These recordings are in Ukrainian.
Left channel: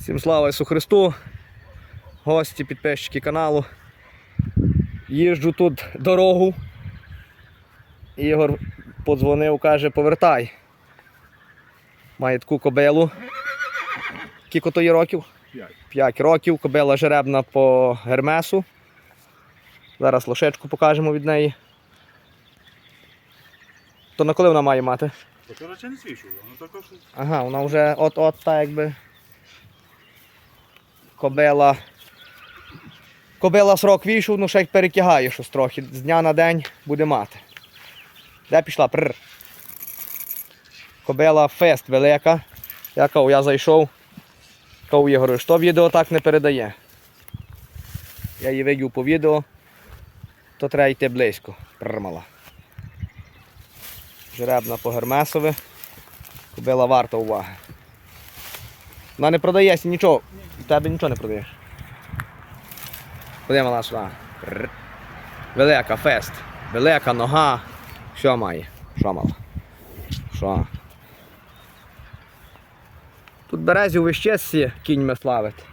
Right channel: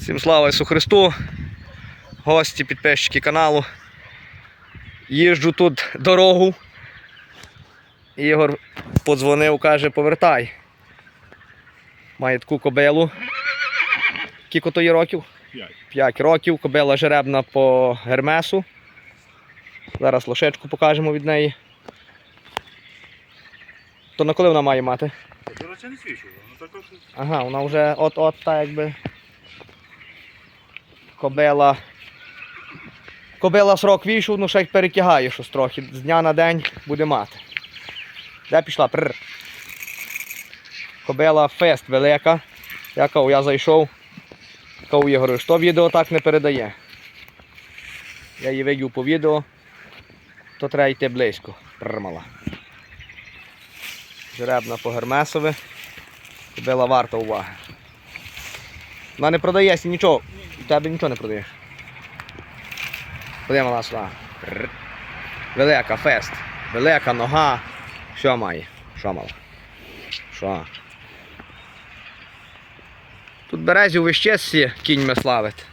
Всім слава Ісу Христу, гості, підписчики каналу. Їжджу тут дорогу. Ігор подзвонив, каже, повертай. Має таку кобилу. Скільки то є років? П'ять. 5 років. Кобила жеребна по гермесу. Зараз лошечку покажемо від неї. То на коли вона має мати? Це не свічу, ну Ага, вона вже от-от та якби. Кобила. Кобила срок війшов, ну ще й перетягає щось трохи. З дня на день буде мати. Де пішла? Прр. Кобила фест велика. Я кажу, я зайшов. Кажу Ігорю, що відео так не передає. Я її видів по відео, то треба йти близько. Пррмала. Жеребна по гермесове. Кобила варта уваги. Вона не продається нічого. У тебе нічого не продаєш. Куди мала сюди? Велика фест. Велика нога. Що має? Що мала? Що? Тут березів вище всі кіньми славить.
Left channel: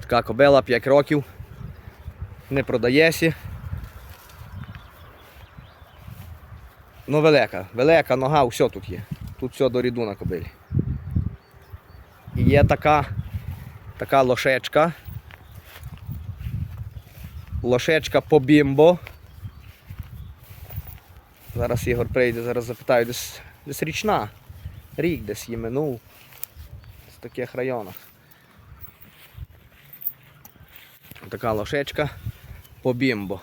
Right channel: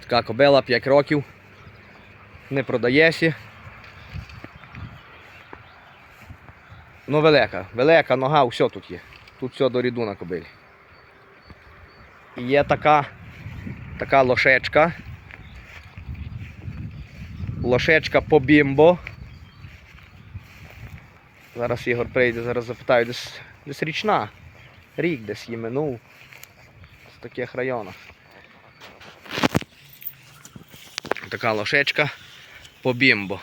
Така кобила 5 років. Не продається. Ну, велика, велика нога, все тут є. Тут все до ріду на кобилі. Є така, така лошечка. Лошечка по бімбо. Зараз Ігор прийде, зараз запитаю, десь, десь річна. Рік десь її минув. В таких районах. Така лошечка по бімбо.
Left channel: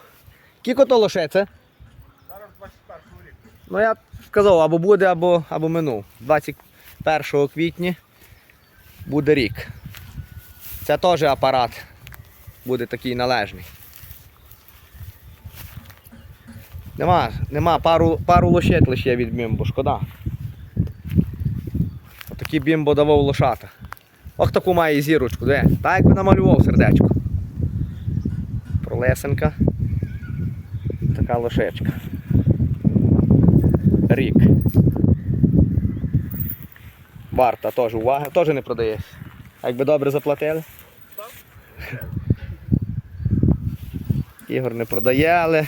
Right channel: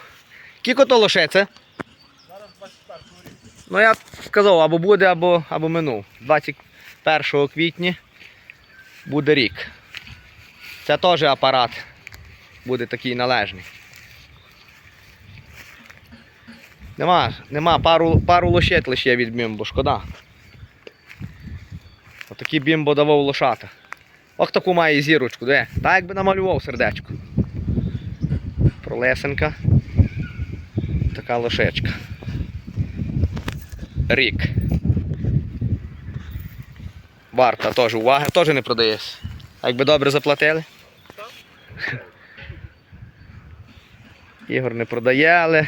Кіко то лошеце? Ну я сказав, або буде, або, або минув. 21 квітня буде рік. Це теж апарат буде такий належний. Нема, нема, пару, пару лошет лише від бімбо, шкода. Отакий бімбо давав лошата. Ох таку має зірочку, де? Так якби намалював сердечко. Пролесенка. Така лошечка. Рік. Варта теж уваги, теж не продаєш. Якби добре заплатили? Ігор не продає, але.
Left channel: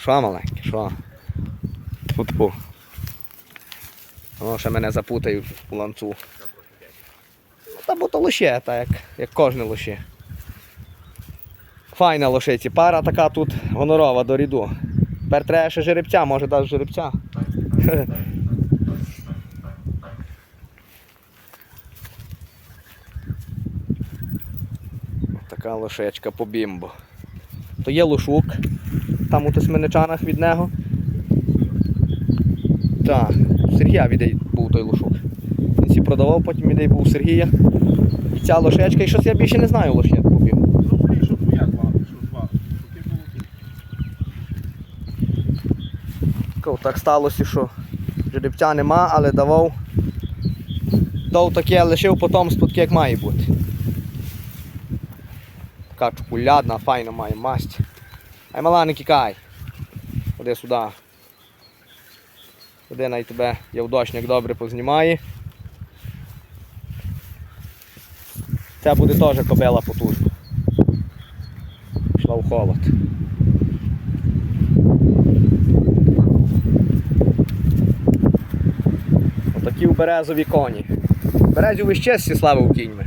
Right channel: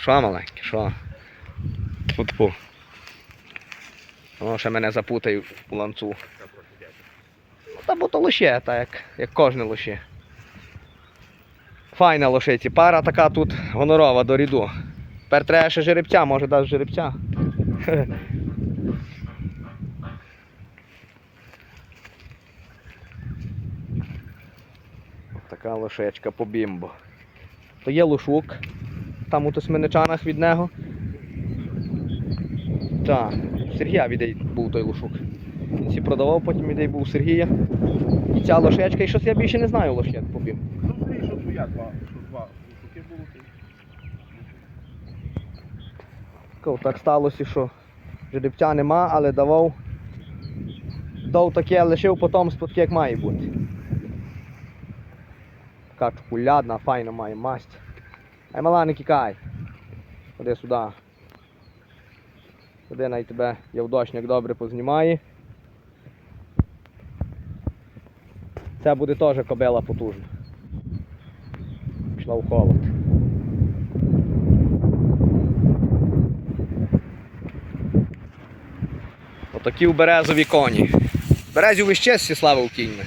Що маленьке, що? Тьфу-тьфу. Воно ще мене запутає у ланцу. Ну, Та бо то лоще, так як, як кожне лоще. Файна лошиці. Пара така тут гонорова до ріду. Тепер треба ще жеребця, може дасть жеребця. Така лошечка по бімбо. То є лошук, там у тисменичанах від нього. Так, Сергія відей був той лошук. Він всі продавав, потім відей був Сергія. І ця лошечка, і щось я більше не знаю лошек по бімбо. Ну, Так сталося, що жеребця нема, але давав. Дав таке, лишив потомство таке, як має бути. Така чоколядна, файна має масть. Ай мала не кікай. Ходи сюди. Ходи най тебе явдочник добре познімає. Це буде теж кобила потужна. Пішла в холод. Отакі у березові коні. Березів іще всі славив кіньми.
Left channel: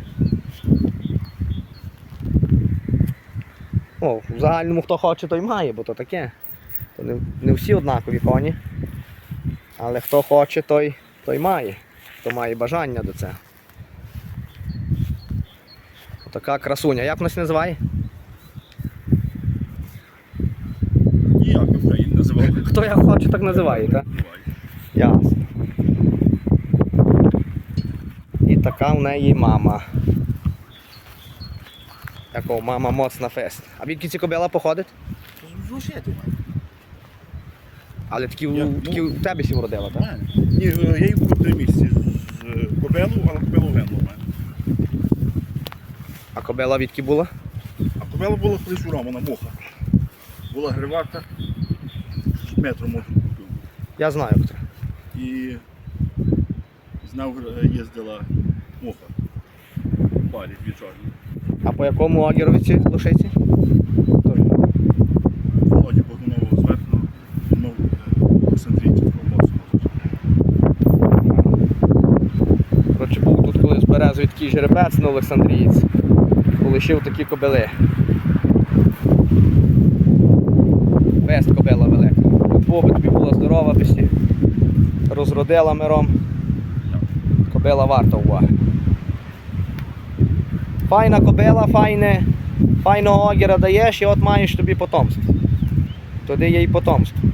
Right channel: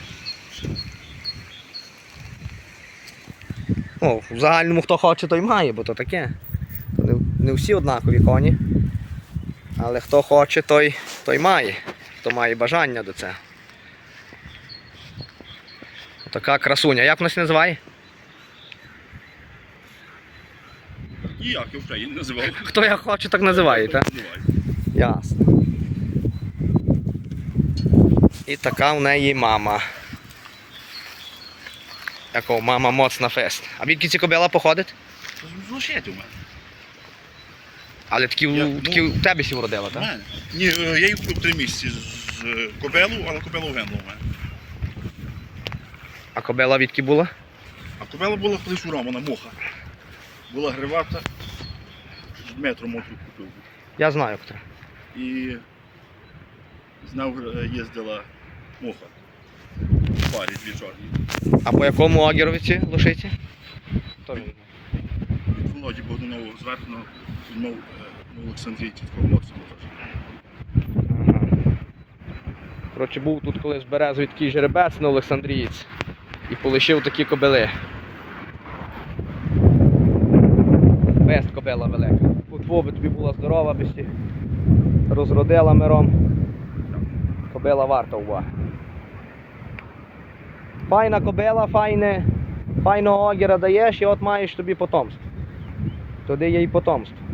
Ну, в загальному хто хоче, той має, бо то таке. То не, не всі однакові коні. Але хто хоче, той, той має. Хто має бажання до цього. Така красуня. Як вона називає? Ніяк в Україні називав. Хто як хоче, так називає, так? Ясно. І така в неї мама. Якого мама моцна фест. А відки ці кобила походить? Злошеть у мене. Але такі, Я- у- такі ну, у тебе сім родила, У так? мене. Ні, я її купив три місяці з кобелу, але кобелу генло у мене. А кобила відки була? А кобела була колись у Романа, муха. Була гривата з метром от. Я знаю хто. І е, їздила муха. Парі дві чорні. А по якому огіровиці лошиці? Тоже. Володі Богданову зверху, ну, Олександрійці такого носу. Коротше, був тут колись в березові такий жеребець на Олександрієць і полишив такі кобили. Вест кобила велика. От тобі була здорова, би розродила миром. Кобила варта уваги. Файна кобила, файне, файного огіра даєш і от маєш тобі потомство. Туди є і потомство.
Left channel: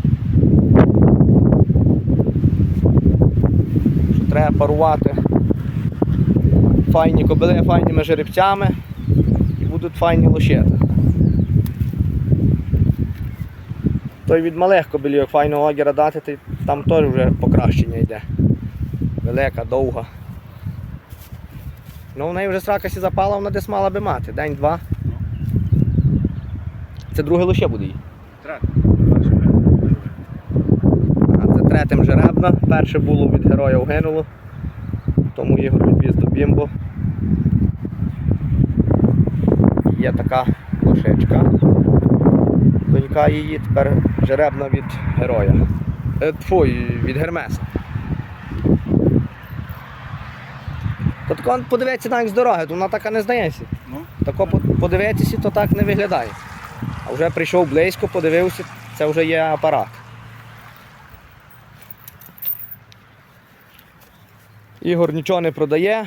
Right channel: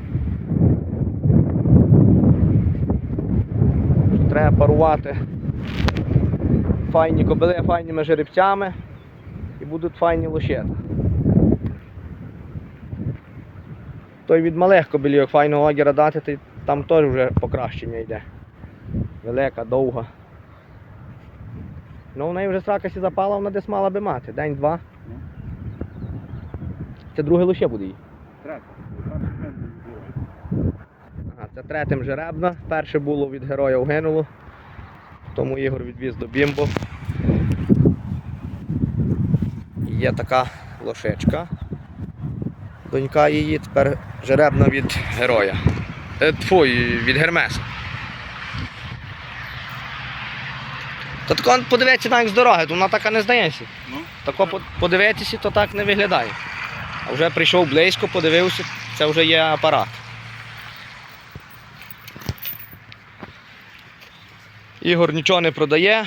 Що треба парувати файні кобили файними жеребцями і будуть файні лошета. Той від малих кобилів файного огіра дати, там теж вже покращення йде. Велика, довга. Ну, в неї вже срака сі запала, вона десь мала би мати. День-два. Ну. Це друге лише буде їй. А це третім жеребна. Перше було від героя угинуло. Тому Ігор відвіз до Бімбо. Є така лошечка. Донька її тепер жеребна від героя. Е, від Гермеса. То тако подивіться навіть з дороги, то вона така не здається. Ну, Тако подивитися, то так не виглядає. А вже прийшов близько, подивився, це вже є апарат. Ігор нічого не продає.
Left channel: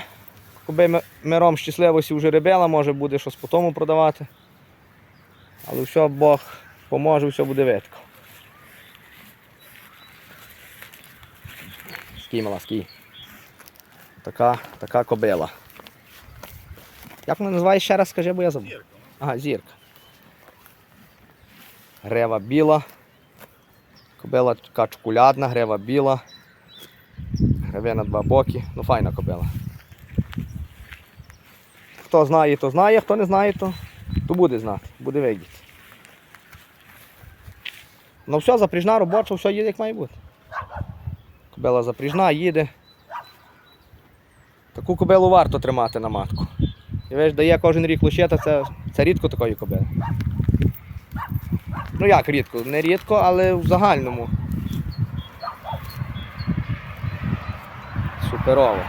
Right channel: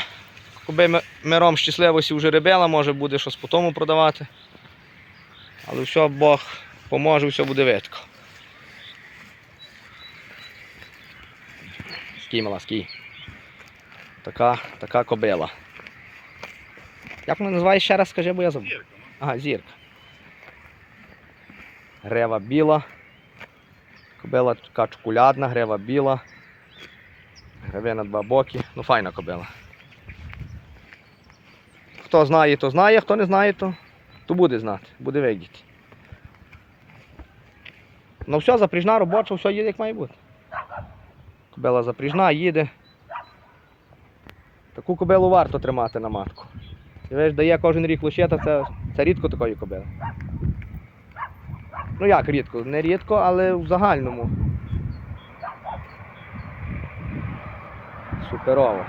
Коби ми- миром щасливості вже рибила, може буде щось по тому продавати. Але все Бог поможе, все буде видко. Скій, мала, скій. Така, така кобила. Як вона називає ще раз, скажи, бо я забув. Ага, зірка. Грева біла. Кобила така чоколядна, грева біла. Греве на два боки. Ну файна кобила. Хто знає, то знає, хто не знає, то, то буде знати, буде видіти. Ну все, запріжна робоча, все їде як має бути. Кобила запріжна, їде. Таку кобилу варто тримати на матку. І ви ж дає кожен рік лощета, це, це рідко такої кобили. Ну як рідко? Не рідко, але в загальному. Суперово.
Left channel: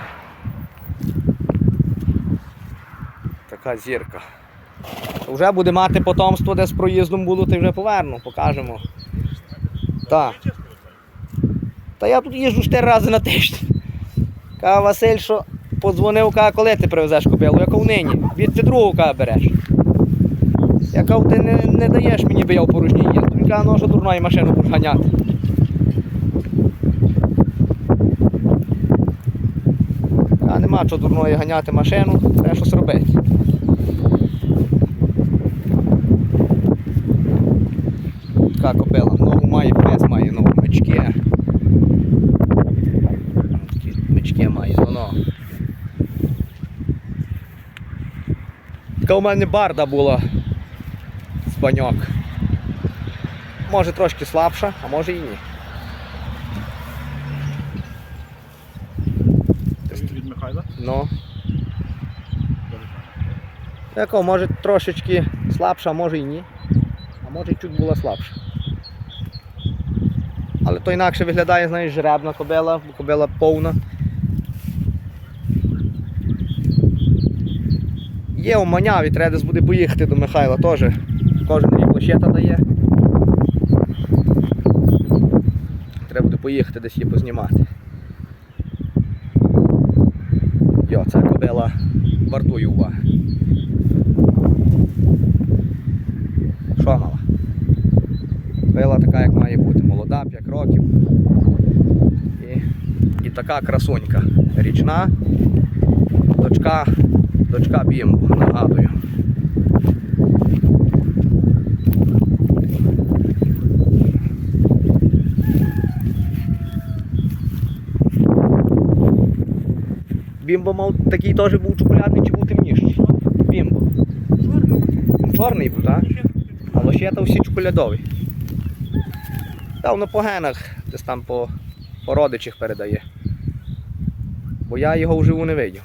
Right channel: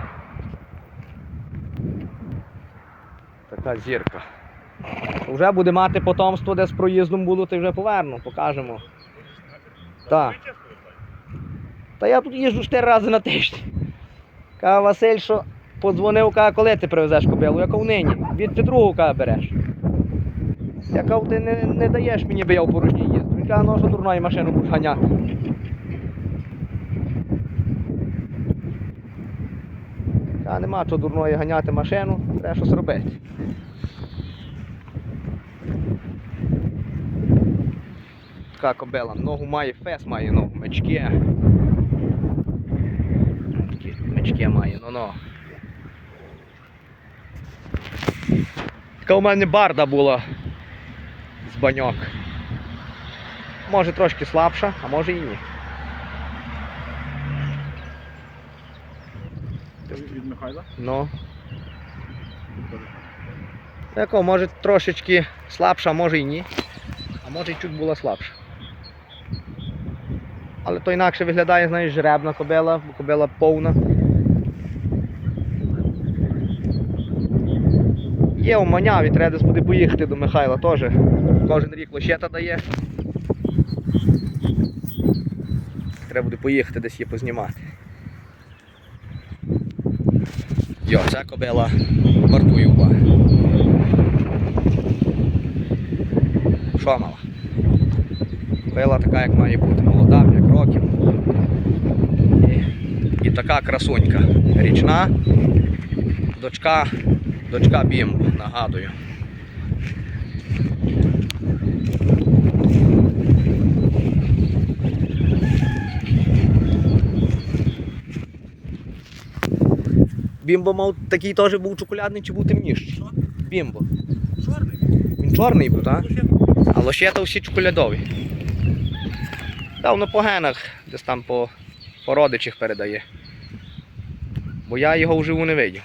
Така зірка. Вже буде мати потомство, де з проїздом було, ти вже поверну, покажемо. Так. Та я тут їжджу 4 рази на тиждень. Каже Василь, що подзвонив, каже, коли ти привезеш кобилу, яка нині. Від ти другу каже, береш. Я кажу, ти не, не даєш мені, би я в порожній їзду. Він каже, ну що дурної машину будеш ганяти. А нема чого дурної ганяти машину, треба щось робити. Така кобила. Ногу має, пес має ногу, мечки. Мечки має, ну Така у мене барда була з баньок. Може трошки слабша, а може і ні. Від Михайла. Ну. Дуже може трошечки слабша, а може і ні. А може і чуть була слабша. Але то інакше виглядає, знаєш, жеребна кобила, бо кобила повна. Є у маняві, треба десь буде поїхати до Михайла теж. Кожен рік лощета дає. Треба буде поїхати десь її познімати. Йо, ця кобила вартує уваги. Що мала? Била така, як має бути, молода, 5 років. І, і така красунька. Річна. Дочка, дочка Бімбо, нагадую. Бімбо мав такий теж був чоколядний чи був темніший? Бімбо. Він Чорний був, так? А лощета всі чоколядові. Та воно по генах, десь там по, по родичах передає. Бо я його вживу не видів.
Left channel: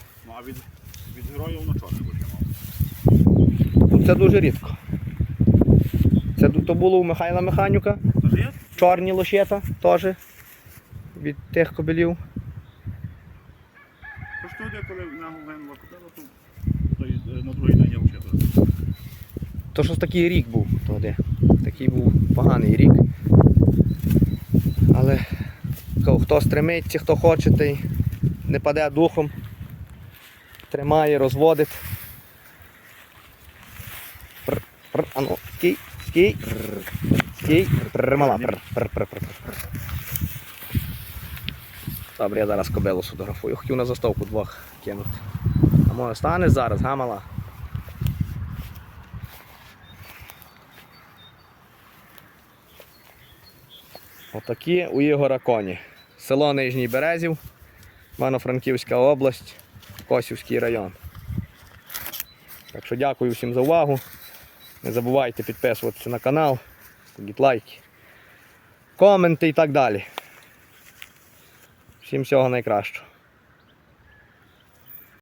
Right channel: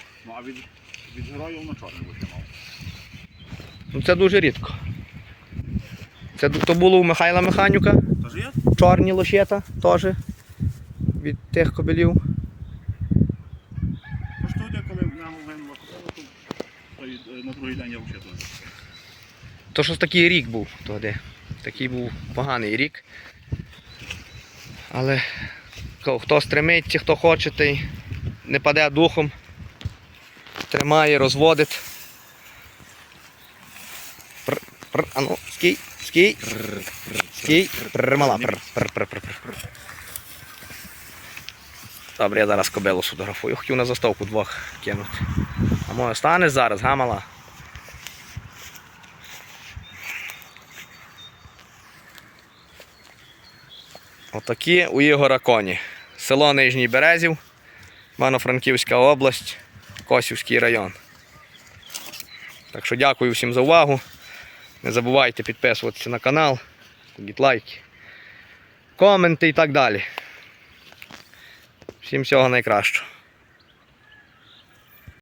Ну героїв на витягнув. Ну, це дуже рідко. Це то було у Михайла Механюка, чорні лощета теж від тих то то й, е. То щось такий рік був тоді. Такий був поганий рік. Але хто стремиться, хто хоче, той не паде духом, тримає, розводить. А ну, скій, скій, скій, мала. Добре, я зараз кобилу сфотографую. Хотів на заставку двох кинути. А може станеш зараз, га мала? Отакі у Ігора коні. Село Нижній Березів, Івано-Франківська область, Косівський район. Так що дякую всім за увагу. Не забувайте підписуватися на канал, ставіть лайки, коменти і так далі. Всім всього найкращого.